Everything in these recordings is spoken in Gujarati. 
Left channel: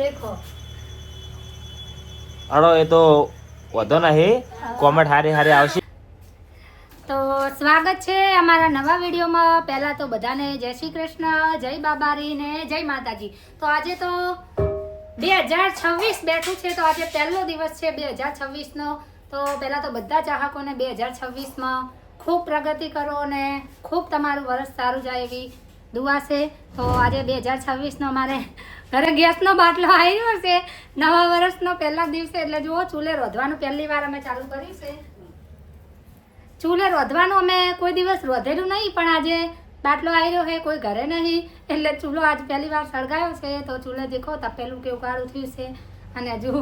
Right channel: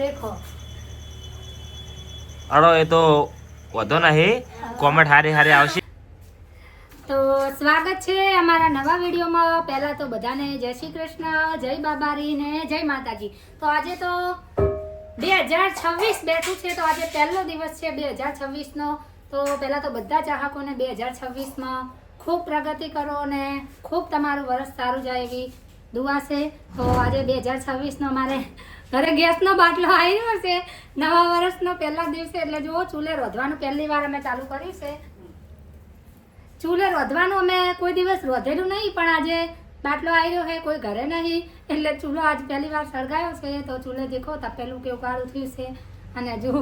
देखो અડો એ તો વધો નહીં, કોમેન્ટ હારી હારી આવશે. તો સ્વાગત છે અમારા નવા વિડીયોમાં. પહેલા તો બધાને જય શ્રી કૃષ્ણ, જય બાબારી ને જય માતાજી. તો આજે તો 2026 બેઠું છે, તો આજે પહેલો દિવસ છે 2026 નો. તો પહેલા તો બધા ચાહકોને 2026 માં ખૂબ પ્રગતિ કરો અને ખૂબ તમારું વર્ષ સારું જાય એવી દુઆ છે. તો આજે 2026 નો અમારે ઘરે ગેસનો બાટલો આવ્યો છે નવા વર્ષનો પહેલા દિવસે. એટલે જુઓ, ચૂલે રોધવાનું પહેલી વાર અમે ચાલુ કર્યું છે. ચૂલે રોધવાનું અમે કોઈ દિવસ રોધેલું નહીં, પણ આજે બાટલો આવ્યો છે, કોઈ ઘરે નહીં, એટલે ચૂલો આજ પહેલી વાર સળગાયો છે. તો ચૂલે દેખો તપેલું કેવું કાળું થયું છે. અને હજુ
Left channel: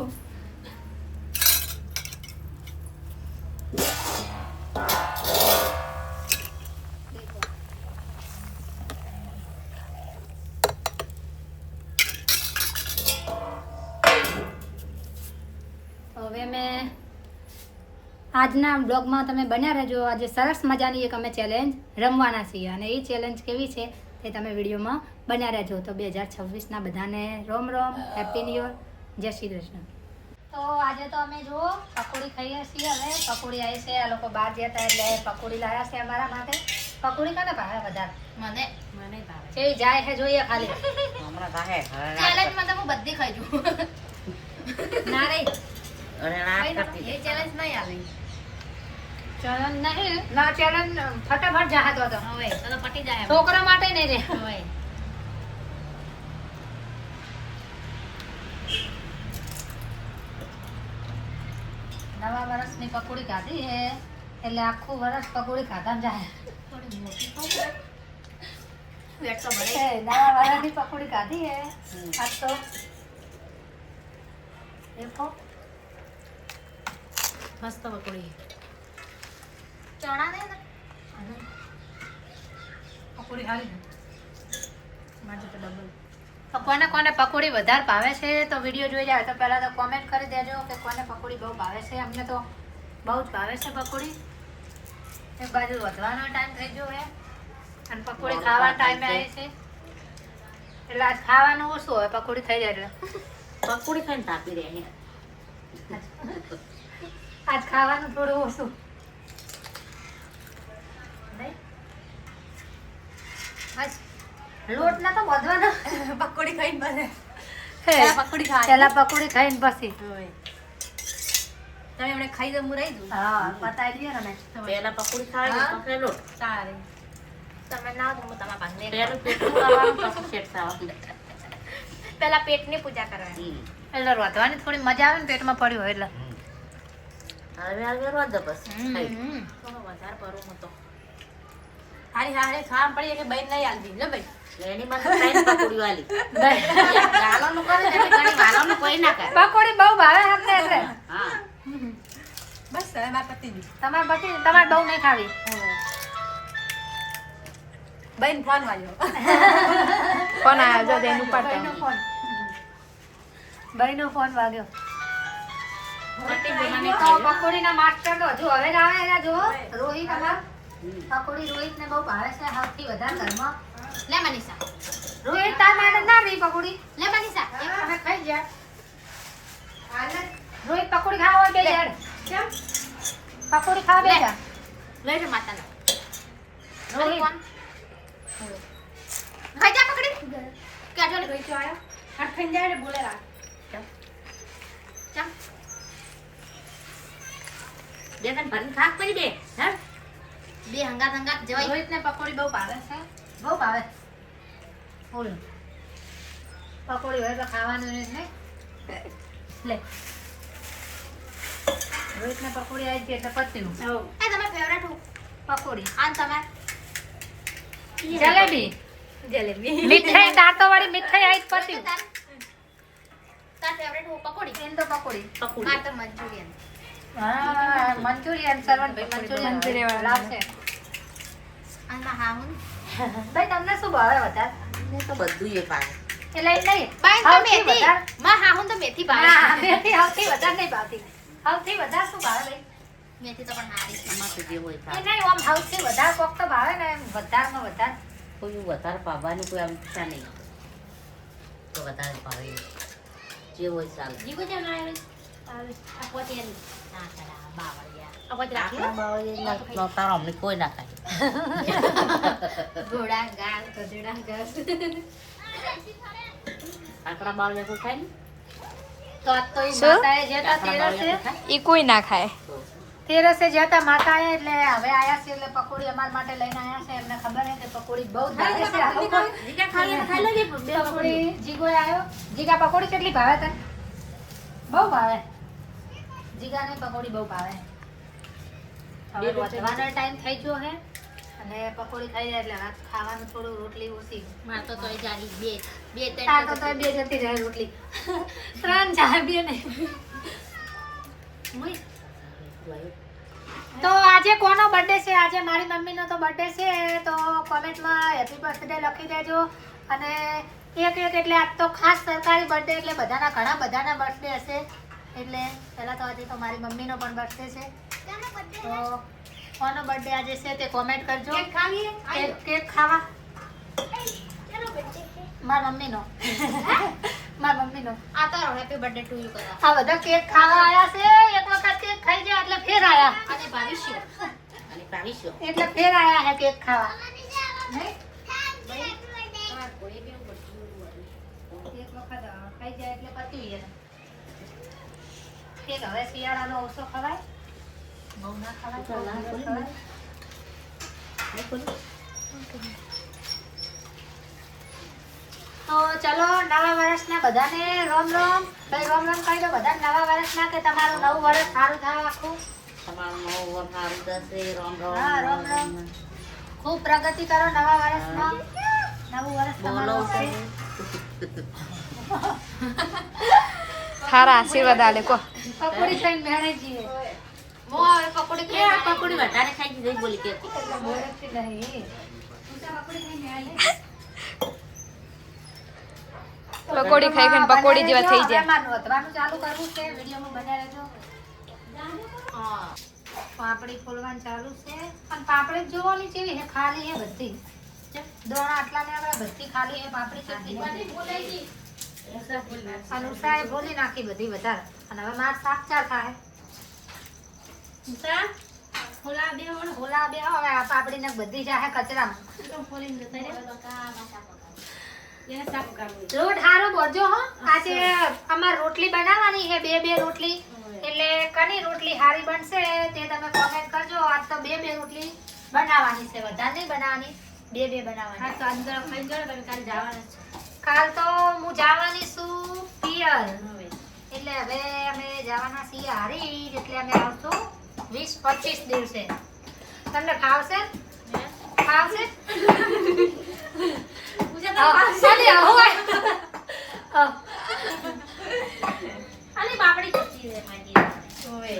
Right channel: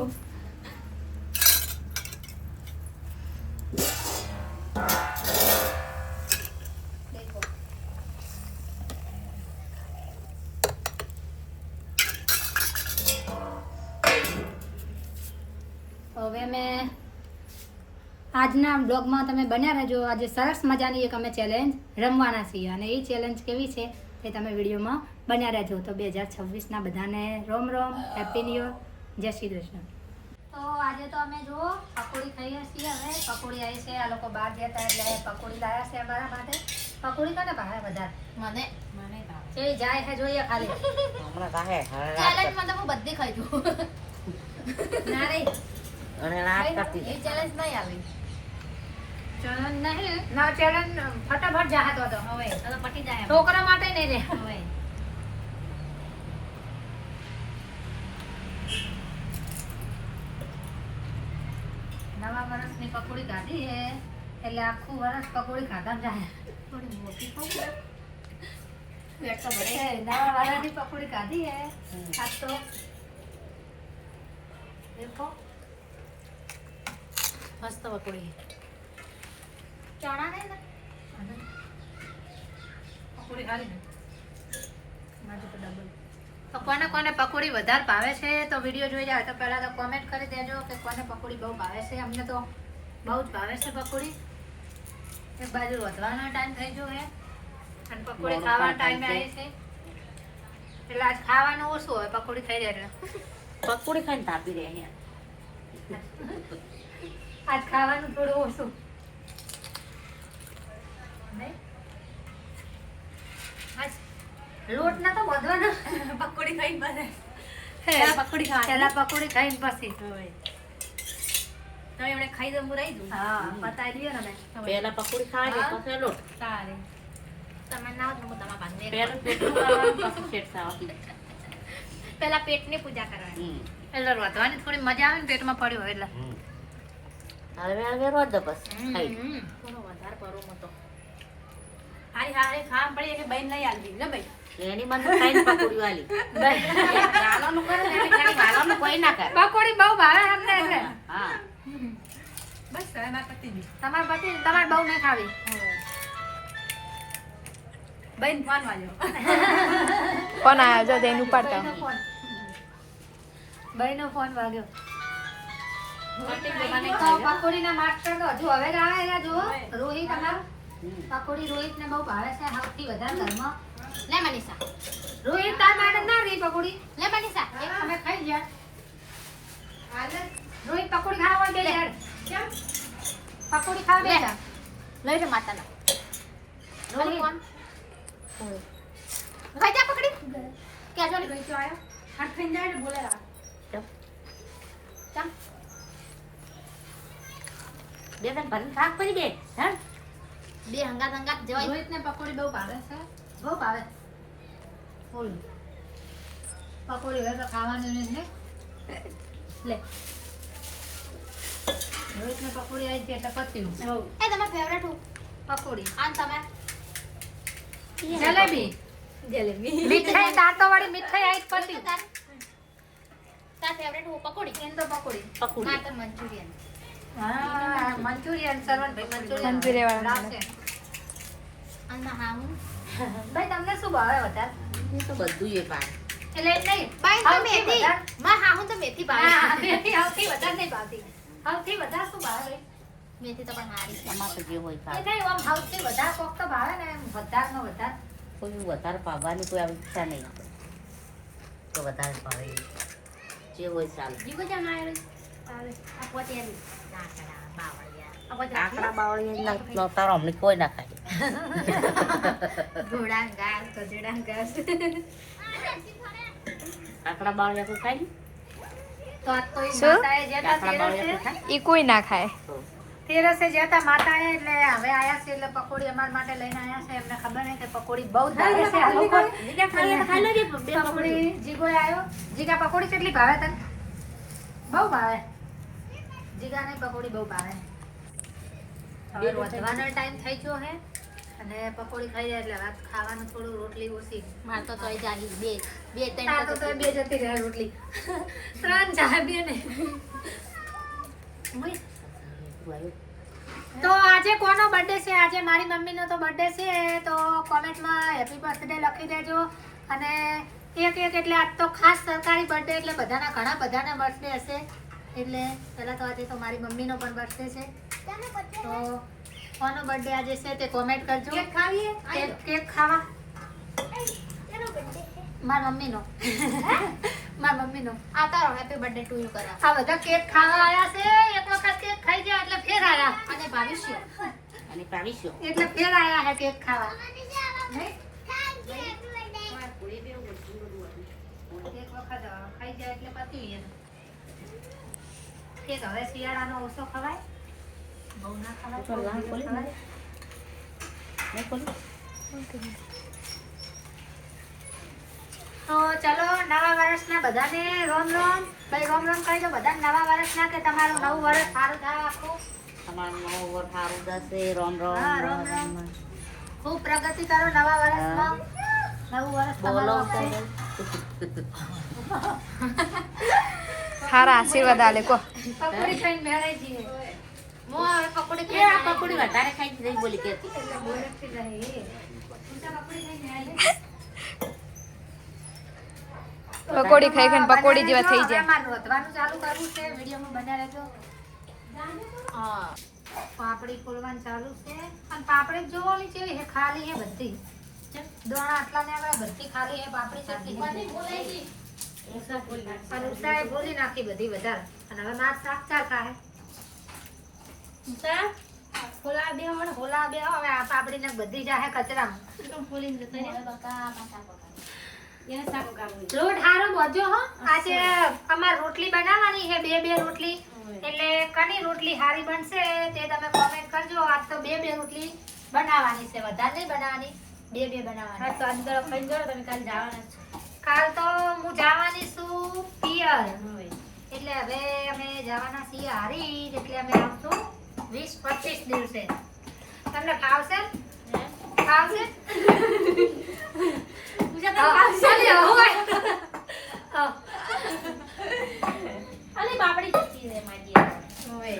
હવે મેં આજના બ્લોગમાં તમે બન્યા રહેજો. આજે સરસ મજાની એક અમે ચેલેન્જ રમવાના છીએ, અને એ ચેલેન્જ કેવી છે તે તમે વિડીયોમાં બન્યા રહેજો. તો 2026ના બધાને રોમ રોમ, હેપી ન્યુ યર, જય શ્રી કૃષ્ણ. તો આજે તો અમે જુઓ પકોડી ખાઈએ છીએ. હવે પકોડી આવી છે, આ લોકો બહાર ગયા હતા એટલે પકોડી લાવ્યા છે અમારા માટે. પકોડી કોને ભાવે વધારે? મને ભાવે છે. જાય છે જોઈએ ખાલી ચેલેન્જમાં તો હું બધી ખાઈ જઉં. ના રે, એ ચેલેન્જ નહીં આવી. ચેલેન્જ નહીં ના, ચેલેન્જ ફટાફટ જાહતો હતો. હવે તો પટી જાય, છોકરા માટે નહીં રે. હવે નવા વર્ષની પકોડી ખાધી હે એટલે આખું વર્ષ પકોડી ખાતા જાય. થોડી મોટી પકોડી પેટ તો ભરે. નવા વર્ષની પકોડી ખાધી હે આજ તો. દેખો મસ્ત પકોડી, ચણા ને પકોડી ખાવી માટે તો ડબલ. તો કોને કોને પકોડી વધારે ભાવે છે તો વિડીયો જોઈ જાય તો પહેલા તો કોમેન્ટ કરી દેજો કે કોને પકોડી બહુ ભાવે છે. અમને તો બહુ જ ભાવે છે પકોડી. એક બાજુ વધવાનો ટાઈમ થઈ ગયો છે અને પકોડી ખાવાનો ટાઈમ આવે છે, એટલે આજ ખાવાનું ઓછું હોય, પકોડી ખાઈ જાય એટલે પકોડી ખાઈને તાપી રહે અહીંયા. આજ ખાવાનું થોડું ઓછું. આજ લોટ ના તો વધવાનો, પકોડી ખાઈને બને. પહેલા પકોડી ખાઈને પછી તમે એમણે ખાઈ દઉં, હું રહી દઉં. હા, બતાવી દઈએ ને. પહેલા પકોડી ખાય પછી લોટ. સારી તમે ના તો તમારા પાસે પહેલું પેટનું ખાવાનું પછી શેઠ ખાવાનું. પહેલા પેટની પૂજા કરવાની, એટલે રોધવાની થોડી મજા આવે ને પેટમાં પડ્યું હોય એટલે. હવે રોજ પછી ખાઈ થોડો વધારે પરો મતો. હારી હારી ખાવા પડી કે બહેન નહીં આલજી લે ભાઈ. એની માં ખાઈને પકોડી વાલી ગાલોનું કરે ને એટલે ઘણી વાલોનું કોઈ ના કરે. પકોડી બહુ ભાવે આપણે એટલે. હા બસ હવે માર પતી ગયું. તમાર બહુ નહીં ખાવી. બહેન ફોન વાલ્યો. ફોન આવ્યો જો જઈને ઉપાડતા. બહેનનો ફોન વાગ્યો. પકોડીના માસ્ટર તો હજુ હવે આવે એના જો રોહિત. અમાર પકોડી રોહિત ને બહુ ભાવે છે સૌથી વધારે ઘરમાં. લે મનીષા, રોહિત તાર માટે ના રહી પકોડી. લે મનીષા, અમે ખાઈ ગયા. રોહિત પકોડી ખાવા હોય બે યાર. કેમ પકોડી ખાવા બે યાર? લઈ લે માતાને. રોહિત કોણ ખાઈ જા પકોડી. કેજો ને ગઈ આયો હાથ ખાઈ જાય ને બોલે રા. ચમ બે તન ભરીને ખાક કરી દે. હા બે હંગાત જવાય. રોહિત ને પકોડી બહુ ભાવે છે, બહુ ભાવે. બોલ પકોડી હોય તો ખાવાનું નહીં ને. લે રોહિત ને પકોડી આવી હતી એટલે પત્યું. એ તમાર ફેવરેટ પકોડી આન તમાર જલેબી. મીઠાઈ દાંતો વાળી મીઠાઈ આવી પત્યું. તાર ફેવરેટ પકોડી? એમ તો પકોડી. માર તો મંચુરિયન. હા મંચુરિયન સર્વન મંચુરિયન વાળા લાવશે. આના હા હું ભાઈ તમને શું ભાવે વધારે? મને તો બધું એ ભાવે. એટલે નહીં બાઈ તો મેથી માં હા હું તો મેથી ભાવે. મેથી સૌથી વધારે નહીં ભાવતી. સૌથી વધારે શું ભાવે? મેથી તો પણ સારી છે. એમાં તો જે હોય એ ભાવે. નહીં આમ સૌથી વધારે કોક તો ભાવે ને એમ વધારેમાં વધારે. કોઈ વધારે પાવાનું કોઈ ઈચ્છા નહીં તો વધારે ભાવે. જે હોય ચાલે. જીગો કેમ ના આવે આ પોતે નાકડા બાવળિયા આ પોતે આકડા બાવળી ના તારો અમને કોઈ ના ખાય. ઘોડા ગાલ ગધેડા ગાલ આકડા બાવળી તો ખાય ને? તો આ તો ઈ શું? માતાએ જતા આકડા બાવળી તો તેરસે ખાય? ઈ કોઈ ના ખાય. તો તેરસે જતા માતાએ એટલે હવે આયા છે એટલે પકોડી અમાર માટે લઈને આયા છે એમને ખબર છે કે પકોડી બહુ જ ભાવે છે આ લોકો જીગા ખાઈ લે બે પકોડી જીગો આવ્યો જીગા પકોડી કેટલી ભાવે તને બહુ ભાવે જીગાને પકોડી બહુ ભાવે હવે વધવાનો ટાઈમ થઈ ગયો છે અને પકોડી ખાઈ જાય એટલે રાત ખાવાનું થોડું રોટલી ઓછી માર તો તોય જાગી બે આ તો તોય બે જતી રહે રોટલી 3 જાય બે ને તો આજે કોનો બર્થડે છે આજે મારી મમ્મીનો તો બર્થડે છે તો કોમેન્ટમાં હેપી બર્થડે લખી દેજો અને એક એટલે આજ તો ખાસ સરકારી બર્થડે એટલે બધાના ઘણા બધાના બર્થડે હશે એટલે પહેલાં તો આજે તો મારી મમ્મીનો પણ બર્થડે છે તો કોનો બર્થડે આજે છે તે કોમેન્ટ કરજો કેક ખાવા મારા મમ્મીનો મારા મમ્મીનો આ તારો હેપી બર્થડે ટુ યુ કરા આ બધા કેક ખાવા આયા છે એક વખત કેક ખાઈ ગયા એટલે ફેર આયા અને ભવિષ્ય અને પાવીશું એટલે ફેર આયા હે કેક ખાવા નહીં? એક વખત ખાઈ જાય એટલે પતી જાય કેક હવે શિયાળામાં ઓછો ખવાય બહુ ના ખવાય થોડું ખવાય તો ચલો નવા વર્ષના બધાને રોમ રોમ ભાઈ રોમ રોમ કહી દો બધાને નવા વર્ષના કે તમારું નવું વર્ષ સારું થાય આખું તમારું નવો વર સારું થશે. રોમ હા, રોમ રોમ. ખૂબ પ્રગતિ કરો નવા વર્ષમાં નવું વર્ષ તમારું આવશે. સારા આશીર્વાદ આલે કો. પકોડી ખાઈને મેળે જીવે મો હવે પકોડી ખાઈ આ પકોડી વધારે ખાઈ દીધી બોલી કે એટલે મોડેથી રહે. તું તો પકોડી ખાઈને મેળે. પકોડી ખાઈ ખાઈને પકોડી જેવા થઈ જાય. અમારે રોતવાનું ચાલુ કરવું છે વિડીયોમાં બન્યા રહેજો પાપડી ફોલવાનું ચાલુ છે પણ પાપડી જોવાની કેવી છે ખાલી છે બધી દોણા આટલા ને આપણે બધી ખાલી છે પાપડી કેટલી અને ઉષાએ ફોલી નાખી બધી વધારે અને હવે માર શાક ચાર ખાય ઉષા ફોલા બે હવે આ પાપડી ને બધી જાહે કચરામાં ફોલીને લોટ હારો બોજો હો આજે અમાર રોટલી બનાવવાની છે બે રોટલી એટલે કની રોટલી હારી બનશે તે તમે કોમેન્ટ કરજો આજ તો બે રોટલી બનાવવાની છે વધારે નહીં બનાવવાની બે બનાવવાની તો અંદર ખાઈ જાવ તમે કાલ જવાના છો કાલ તો હું જવાની છું પિયર એટલે હવે અમે જવાના છીએ હારી એટલે અમે આવશું 20-25 દિવસે તમને ફાવશે ફાવશે અરે બાપડી જતી રે માજી હવે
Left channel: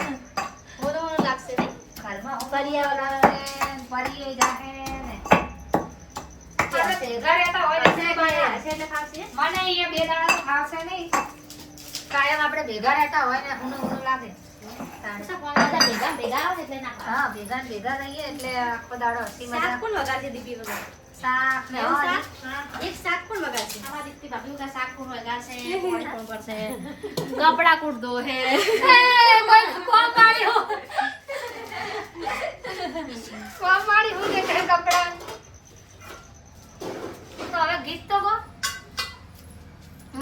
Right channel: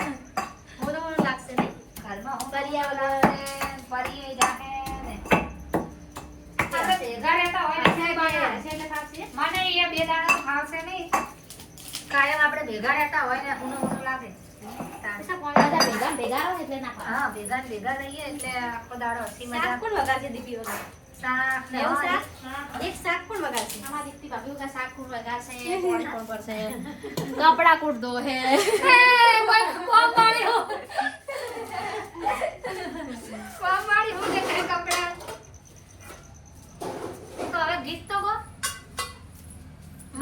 મોનો લાગશે નહીં ઘરમાં હું કરી આવવાનો પરી જાહે ને આપણે ભેગા રહેતા હોય ને એટલે ફાવશે મને એ બે દાડા તો ફાવશે નહીં કાયમ આપણે ભેગા રહેતા હોય ને હુનું લાગે ભેગા એટલે ના હા ભેગા રહીએ એટલે આખો દાડો હસી મજાક કોણ વગાડશે દીપી વગાડ શાક ને એવું શાક એક શાક કોણ વગાડશે અમાર દીપી ભાભી કા શાક કોણ વગાડશે કોણ કરશે કપડા કૂટ દો હે કોણ પાડી હો કે કપડા તો હવે ગીત તો ગો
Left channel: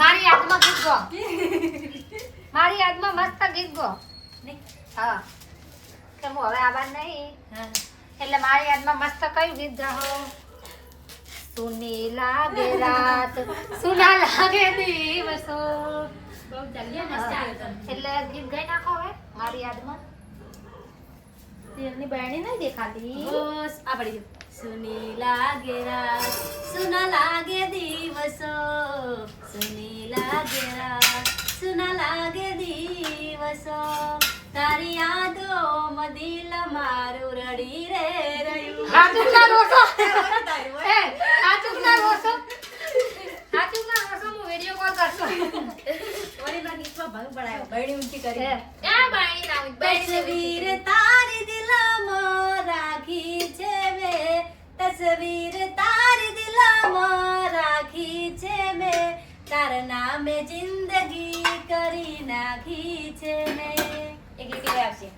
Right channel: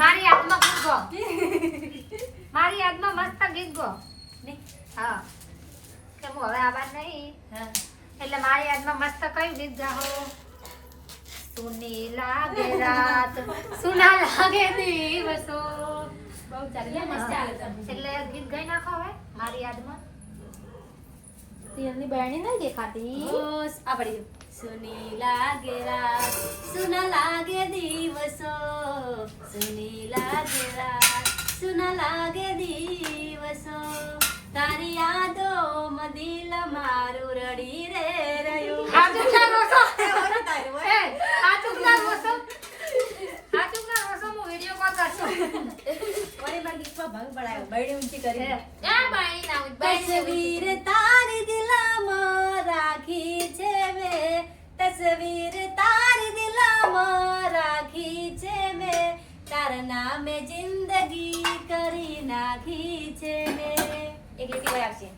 મારી યાદમાં ગીત ગો મારી યાદમાં મસ્ત ગીત ગો હા કે હું હવે આવાજ નહીં એટલે મારી યાદમાં મસ્ત કયું ગીત ગાહો સુની લાગે રાત સુના લાગે દિવસો બહુ ચાલીએ મસ્ત એટલે ગીત ગાઈ નાખો હવે મારી યાદમાં તેરની બહેણી નહીં દેખાતી બસ આ પડી ગયું સુની લાગે રાત સુના લાગે દિવસો સુની લાગે રાત સુના લાગે દિવસો તારી યાદો મદિલ મારું રડી રે રહ્યું હાચું ના રોસો એ હાચું ના રોસો હું વિડિયો કોલ કરશું વળી માં ગીતમાં ભંગ પડાયો બૈડી ઊંચી કરી ક્યાં બાઈ ના તસવીર તારી દિલમાં રાખી છે મે તસવીર તારી દિલમાં રાખી છે મે તારા નામે જિંદગી કરી નાખી છે મેં. એક લીટી કોઈ આવશે.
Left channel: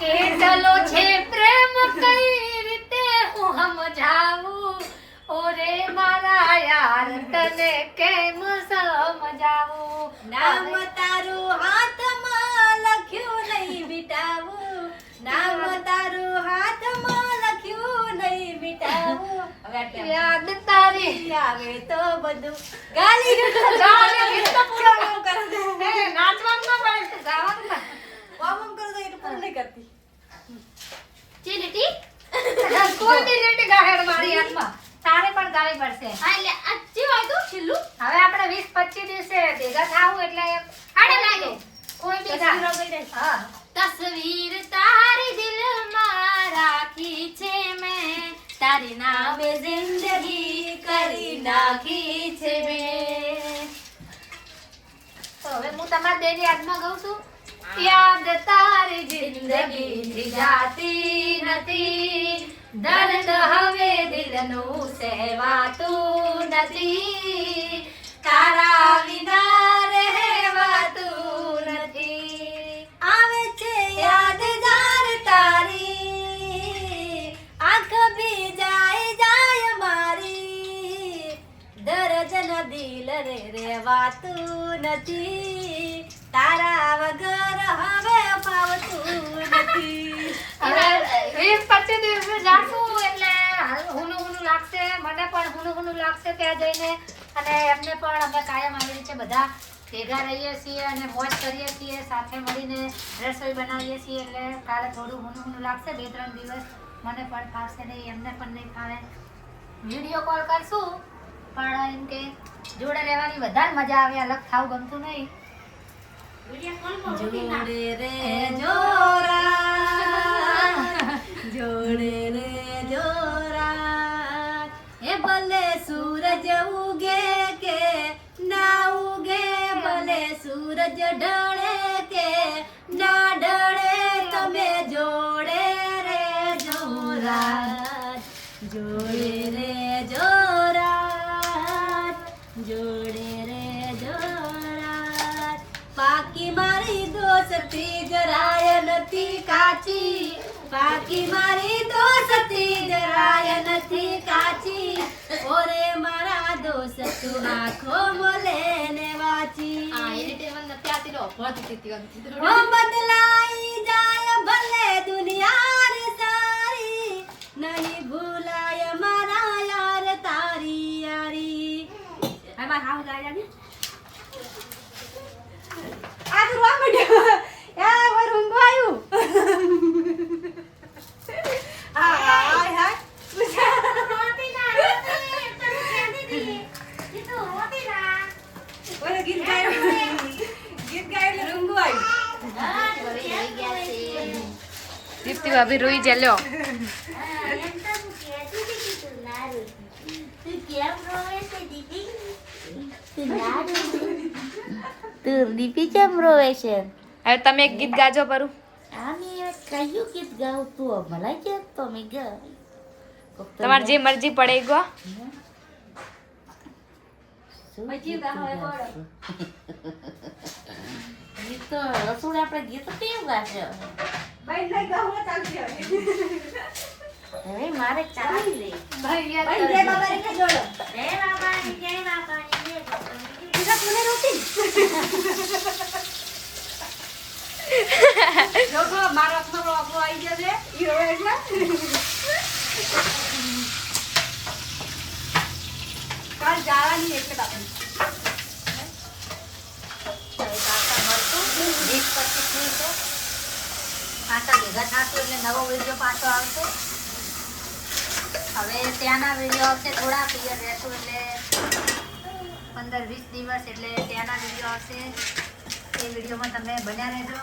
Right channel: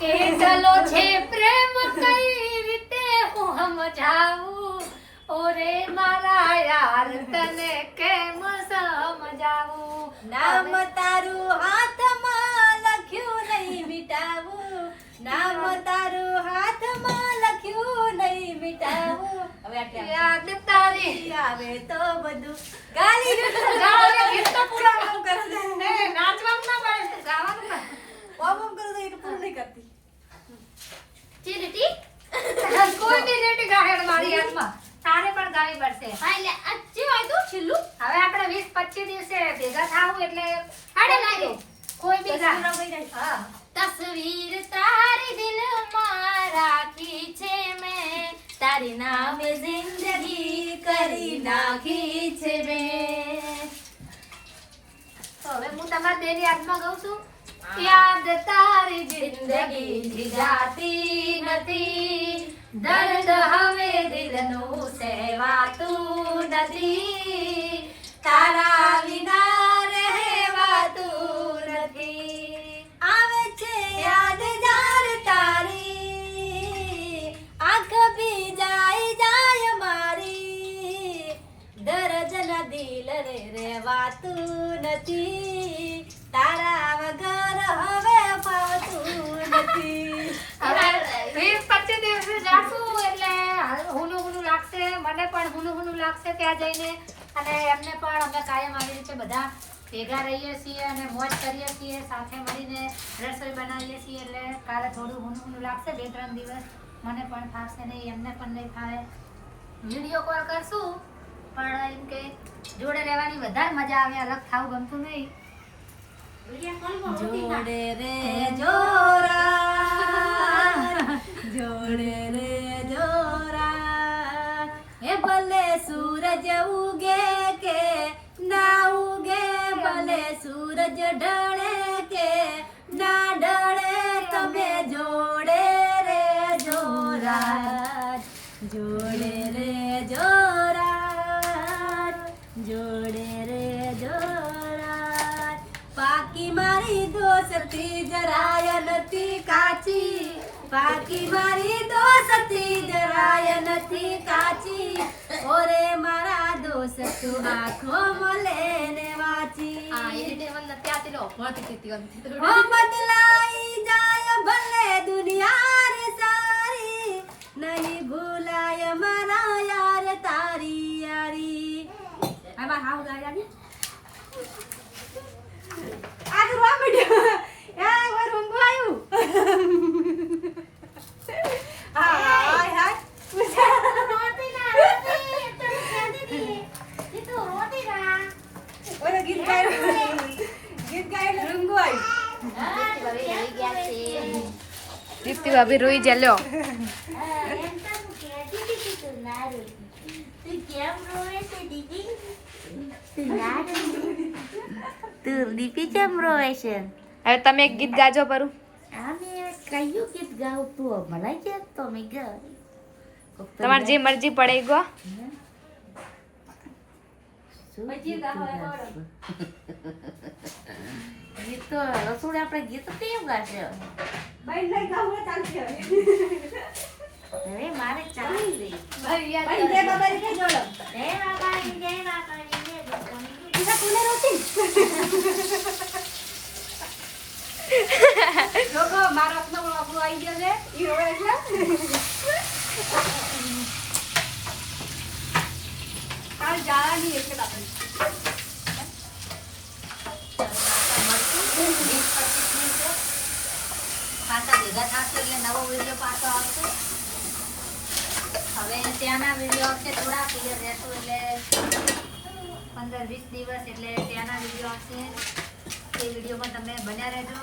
કેટલો છે પ્રેમ કઈ રીતે હું સમજાવું ઓરે મારા યાર તને કેમ સમજાવું નામ તારું હાથમાં લખ્યું નહીં મિટાવું. નામ તારું હાથમાં લખ્યું નહીં મિટાવું. હવે આટલે આવશે. યાદ તારી આવે તો બધું ગાલી ગાવાને ગીત તો પૂરા ન કરે. એ નાચવાનું ના પડે ગાવાનું ના. ઓમ ઓમ કરો તો એ પૂરું નહીં કરતી. ચી લીટી કોઈ બી લેટી ગાહેડ મારી હાથમાં તારે પણ ગાવી પડશે. હા એટલે આ જે વાયદો છેલ્લું હવે આપણે 20-25 દિવસે ભેગા થાવું એટલે આડે લાગે કોઈ બી ગા. તસવીરો ગઈ રહી. હા તસવીર તારી દિલમાં રાખી છે મેં તારી નામે જિંદગી કરી નાખી છે મેં. તો હવે હું તમારા બેની યાદમાં ગાઉં છું. યાદ તારી જિંદગી જાતી નથી દર્દ હવે દિલનું સહેવાતું નથી તારા વિના રહેવાતું નથી. આવે છે યાદ જાર તારી આંખ બી જાય મારી દર્દ ન દિલ રે રેવાતું નથી તારા વગર હવે ફાવતું નથી. હવે 20-25 દિવસે જાશું એટલે હુનું લાગશે મને પણ હુનું લાગશે ત્યાં જઈને અને એમને પણ અમે કાયમ આવી રીતે બધા ભેગા રહીએ છીએ અને મોજ કરીએ છીએ સાથે મળીને રસોઈ બનાવીએ છીએ એટલે કાલે થોડું હુનું લાગશે 2-3 દિવસ મને પણ ફાવશે નહીં એમને પણ નહીં ફાવે. વિડીયો કોલ કરશું પણ એમ કે જોડે રહેવાની વધારે મજા આવે અલગ થાવ ગમતું નહીં. જોડે રે જોરા જોડે રે જોરા હે ભલે સૂરજ ઉગે કે ના ઉગે ભલે સૂરજ ઢળે કે ના ઢળે તમે જોડે રે જોરા જોડે રે જોરા જોડે રે જોરા પાકી મારી દોસ્તી જરાય નથી કાચી પાકી મારી દોસ્તી જરાય નથી કાચી ઓરે મારા દોસ્ત તું આંખો મલે ને વાચી ઓ બદલાઈ જાય ભલે દુનિયા રે સારી નહીં ભૂલાય મારા યાર તારી યારી હાય બાય હાવ ગાય આજી आज रुआ मड्यो या वो रुंगो आयु हाय हाय होती ना तुम क्या दीदी ये तो होती ना ओले गीत गायो रुंगो आयु દીપ્તિ ભાભી રોઈ જા લ્યો. દીપી કેમ રોવે છે? હવે તમે એક ગીત ગાજો પરું. આમે કયું ગીત ગાવ તું મને કે તો મે ગાય તમારે જે મરજી પડે એ ગો. ગીત તો રસોડે આપણે ગીત કેમ ગાશે? भाई नहीं गाओ चालते હવે મારે ચાલી લે ભાઈ યાદ भाई जय बाबा रे के जोड़ो જય બાબા જય બાબા જય બાબા. तुझा तूने रोटी જો તો મારો આપનો આપણો આવી જશે ઈ રોવે એટલે કાલ જાવાની એટલે બાપા પાછા ભેગા થશું એટલે નવો વિડીયો પાછો આવશે. હવે ત્યાંના વિડીયો આવશે થોડા ક્લિયર રહેશું એટલે 15-20 દિવસ એટલે ત્યાંના વિડીયો આવશે. એ વિડીયોમાં તમે બન્યા રહેજો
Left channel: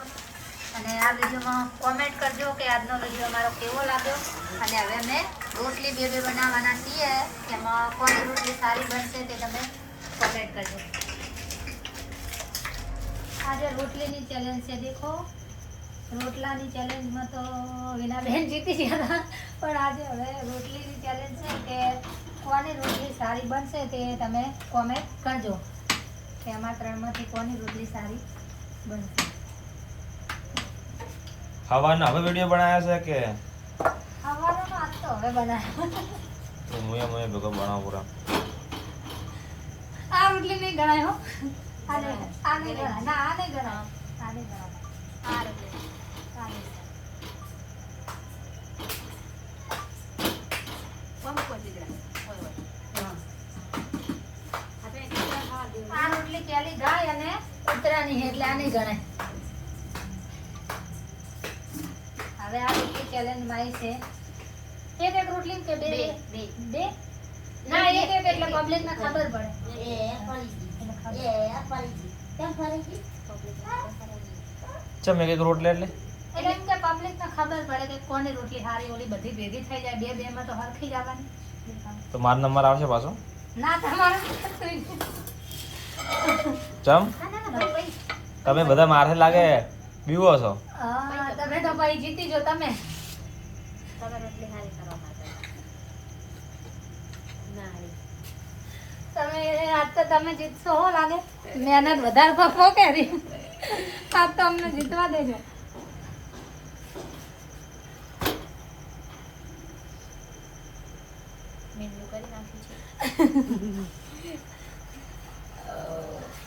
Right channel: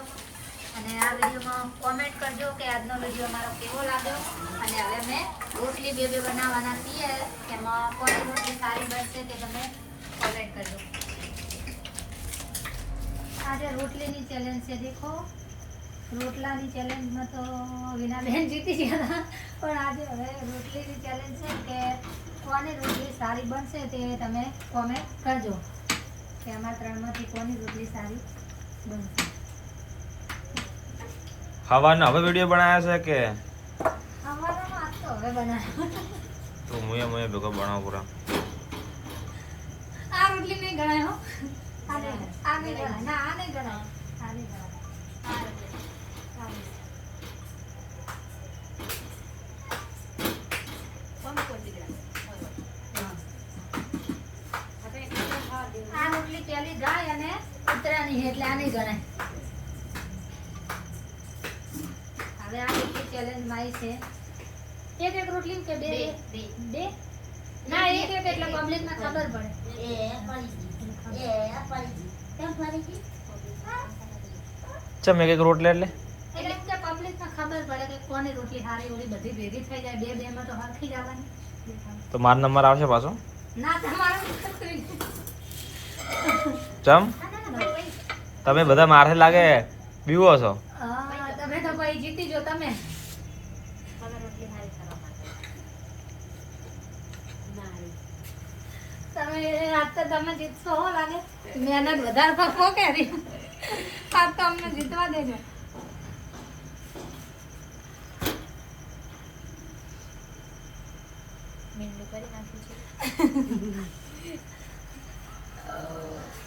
અને આ વિડીયોમાં કોમેન્ટ કરજો કે આજનો વિડીયો મારો કેવો લાગ્યો. અને હવે અમે રોટલી બે બનાવવાના છીએ એમાં કોની રોટલી સારી બનશે તે તમે કોમેન્ટ કરજો. આજે રોટલીની ચેલેન્જ છે દેખો. રોટલાની ચેલેન્જમાં તો વિનાબેન જીતી ગયા હતા પણ આજે હવે રોટલીની ચેલેન્જ છે કે કોની રોટલી સારી બનશે તે તમે કોમેન્ટ કરજો કે અમારા ત્રણમાંથી કોની રોટલી સારી બનશે. ખાવાનો હવે વિડીયો બનાવ્યા છે કે ખાવાનો આજ તો હવે બનાવ્યો. તો મુએ ભેગો બનાવો પૂરા. આ રોટલી નહીં ગણાય હો. આ નહીં ગણાય. ના આ નહીં ગણાય. આ નહીં ગણાય. આ રોટલી. આ નહીં. આ રોટલી પેલી ગાય અને ઉતરાની છે એટલે આ નહીં ગણાય. હવે આ રોટલી ચેલેન્જ માં છે એક રોટલી કે બે બે ના એક એટલે પબ્લિક ને ખબર પડે. ચમ એક રોટલી એટલે એટલે એમ કે પબ્લિક ને ખબર પડે કે કોની રોટલી સારી ઓલી બધી ભેગી થઈ જાય બે બે માં તો હરખી જ આવવાની. તો મારો નંબર આવશે પાછો. ના તમારું ચમ તમે બધા મારે લાગે બીવો છો. તમે તો ભાઈ જીતી જો તમે. તમે આજ તો તમે જીતશો હો લાગે. મહેનત વધારે પપ્પો કરી આજ તો અમને જીતવા દેજો.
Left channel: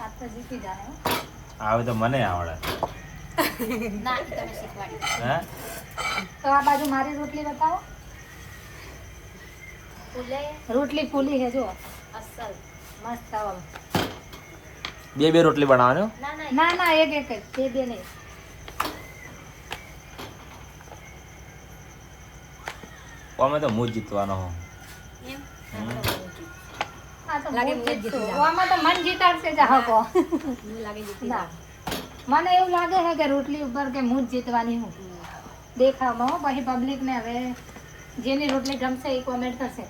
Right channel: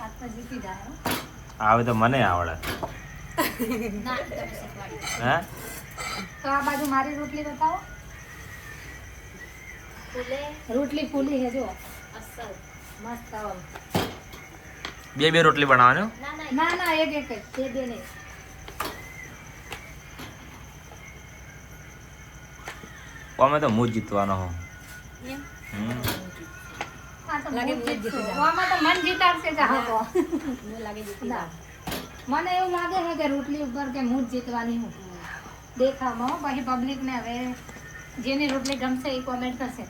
આજ તો જીતી જાય હો. આવે તો મને આવડે. હે તો આ બાજુ મારી રોટલી બતાવો. રોટલી ફૂલી છે જો અસલ મસ્ત આવો. બે રોટલી બનાવવાની. ના ના એક એક જ બે બે નહીં. અમે તો હું જ જીતવાનો હો. આ તો લાગે આમાં તો મન જીતાડશે જાહકો. ના મને એવું લાગે છે કે રોટલી ઉપર કે હું જ જીતવાની હું દેખાવમાં હો. પછી પબ્લિક ને હવે જેની રોટલી ગમશે એ કોમેન્ટ કરશે.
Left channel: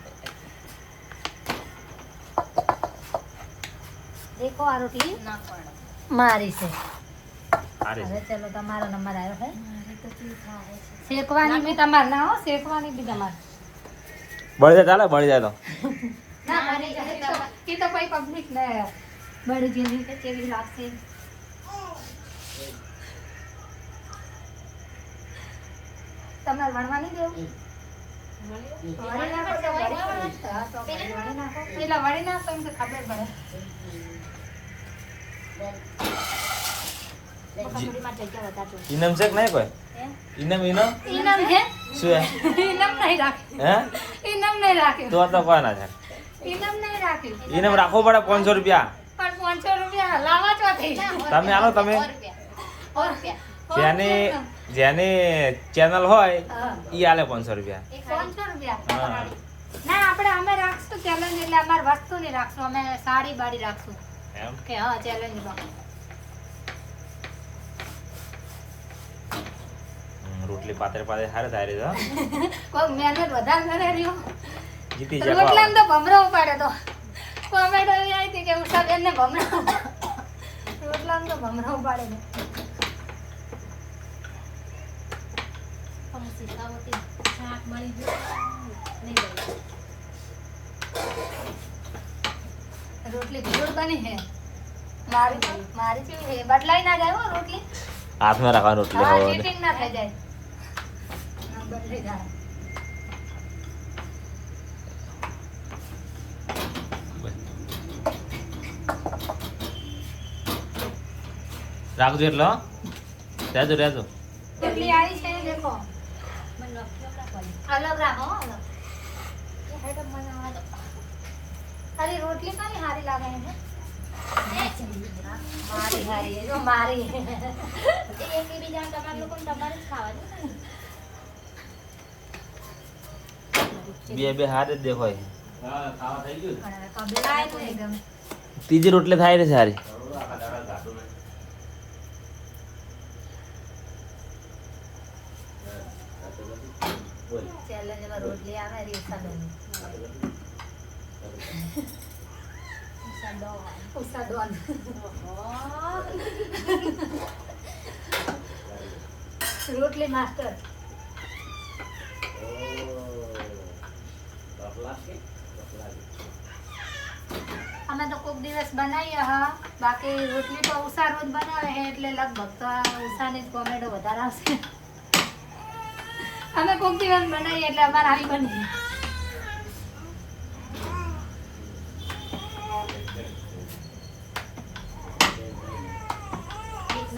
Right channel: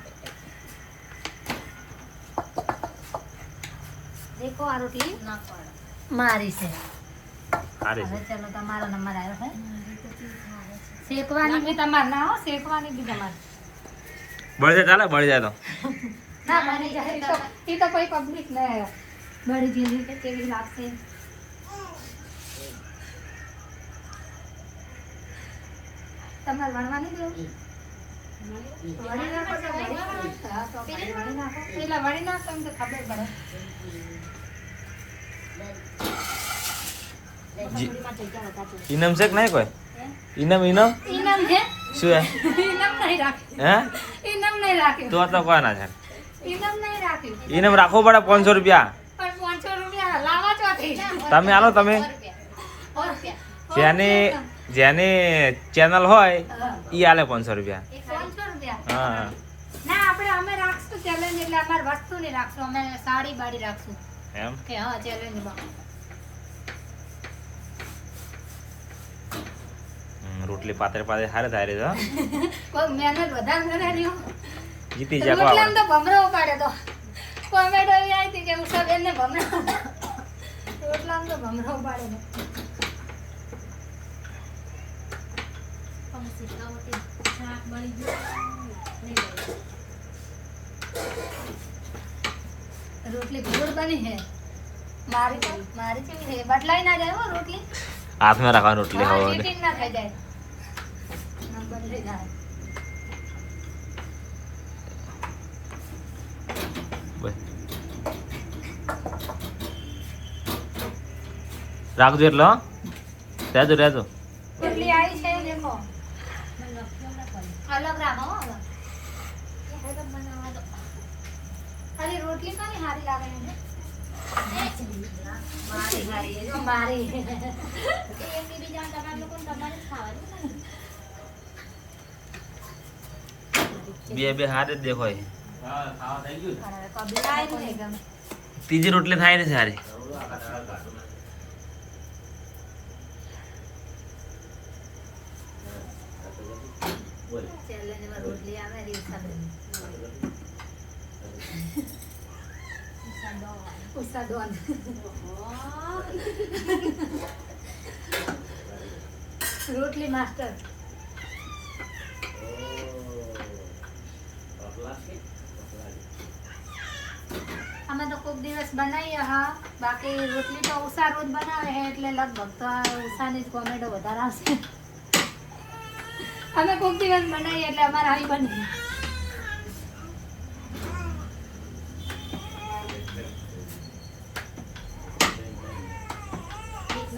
દેખો આ રોટલી મારી છે. સારી હવે છે. ચલો તમારો નંબર આવ્યો છે. શેકવાની બી તમારે ના હો. શેકવાની બી તમારે બળી જાય ચાલે બળી જાય તો. ના બની જાય એ તો કોઈ પબ્લિક ને બળી જેવી કે કેવી લાગશે. તમારે વણવાની દેવું વણી નાખો તો વણી નાખો. તો પછી વણી નાખો પેલા વણી નાખો એમ તો ખબર પડે. ઇનામ છે કે નહીં કોઈ ઇનામ ઇનામ હે શું હે ઇનામ નહીં રાખ્યું. હે ઇનામ નહીં રાખ્યું. તો કોઈ ના છે. ઇનામ નહીં રાખ્યું. ઇનામ રાખવું પડે 500 રૂપિયા. પણ 500 રૂપિયા લાવા ચોથી. તમે આલો તમે જેની ચેનલ હોય ઈ આલે 500 રૂપિયા. 500 રૂપિયા. હા ના આપણે અમે રાખશું ચેલેન્જ એટલે અમાર વસ્તુ નહીં રાખશું. અમે સાડી બાડી રાખશું એમ કે હા ચેલેન્જમાં. રોટલી પાતળી પાતળી હારે થાય છે. કોઈ મહેનત વધારે કરે રહ્યો. જીતી જા રોટલામાં તો ભમરો ઉપાડે તો કોમેન્ટ એવી આવી હતી કે ઉષાબેન ને ભમરો રોટલામાં તો ભમરો ઉપાડે ને. રોટલી ભૂડ બની છે મારી કેવી છે બદલાઈ ના જાય હો રોટલી. હાથમાં રાખવાની રોટલી હા, હવે ચીટિંગ ના થઈ જાય. ના બદલાઈ જાય. રાખજો એટલે હો. રહેજો રહેજો. કેટલી આવી છે દેખો. અલગ રાખો હો, અલગ. અરે રોટલી કાની હારી લાગે છે. મારી હારી છે, જો મારી. બે હારે જ દેખો. પબ્લિક આય નહીં ગમે. ત્રીજી રોટલી થાય ને સારી. ચેલેન્જમાં રોટલી આવે રીસાબેન. ઉષાડોન. રોટલી માસ્ટર. દિવસ બનાવીએ હા, બાકી રોટલી તો ઉષા રોજ બનાવે છે એટલે લગભગ તો આ ઉષાની જ કોમેડો વધારે આવશે. અમે કોક દિવસ બનાવીએ એટલે અમારે આવી બની.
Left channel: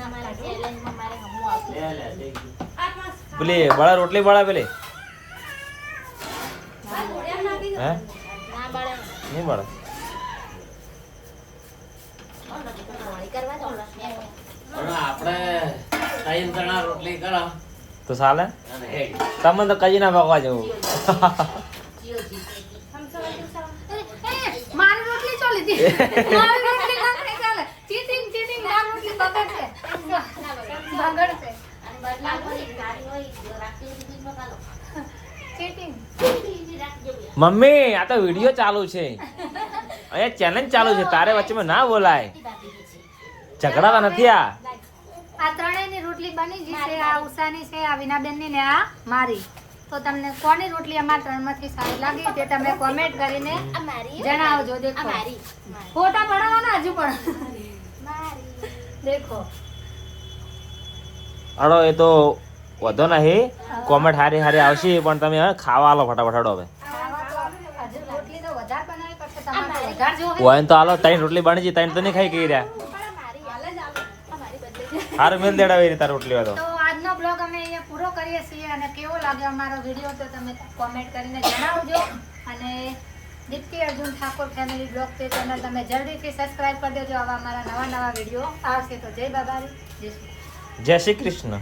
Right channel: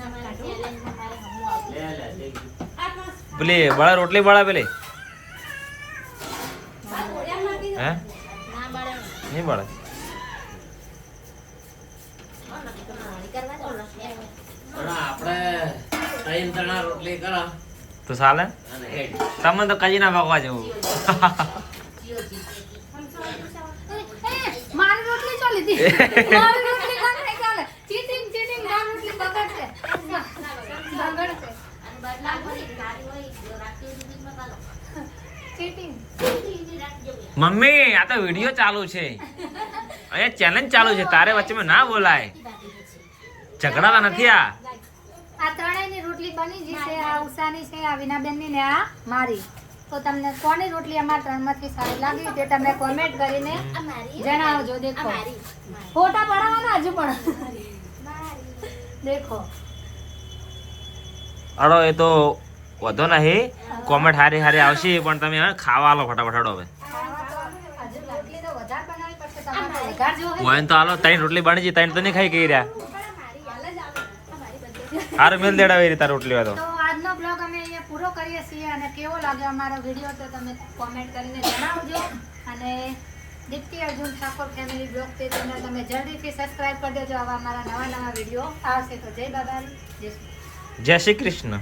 મારા ચેલેન્જમાં મારે હમું આવતું. પેલી બળા રોટલી બળા પેલી હે ના બળે નહીં બળે મોડી કરવા દો ને. તો ચાલે. તમે તો કજી ના પકવા જવું. મારી રોટલી ચો લીધી. મારી રોટલી ના ખાઈ ચાલે. ચીટિંગ મારી રોટલી બગડશે. બગડશે. ચીટિંગ. મમ્મી આ તો વિડિયો ચાલુ છે, અહીંયા ચેલેન્જ ચાલુ છે, તારે વચ્ચે ના બોલાય. ઝઘડાતા નથી. આ ત્રણેયની રોટલી બની ગઈ છે. આ ઉષાની છે, આ વિનાબેનની ને આ મારી. તો તમને કોની રોટલી અમારા ત્રણમાંથી સારી લાગી તે તમે કોમેન્ટ કરીને જણાવજો. દેખો ફોટા પડાવવાના હજુ પણ દેખો. અડો એ તો વધો નહીં, કોમેન્ટ હારી હારી આવશે પણ તમે હવે ખાવા આલો ફટાફટ. હડો હવે હજુ રોટલી તો વધારે બનાવી પડશે. તમારે તો વધારે જોવે. હોય તો હાલો. 3 રોટલી બની ગઈ, 3 તો નહીં ખાઈ ગઈ રહ્યા. હારું મેલ દેડાવી રીતે રોટલી હોય તો. તો આજનો બ્લોગ અમે અહીંયા પૂરો કરીએ છીએ અને કેવો લાગ્યો અમારો વિડીયો તો તમે કોમેન્ટ કરીને જણાવજો. અને દીપ્તિ અર્જુન ઠાકોર ફેમિલી બ્લોગ તે ચેનલ તમે જલ્દીથી સબસ્ક્રાઇબ કરી દેજો. આવા અમારા નવા વિડીયો આવશે. તો જય બાબારી, જય શ્રી જય શ્રી કૃષ્ણ.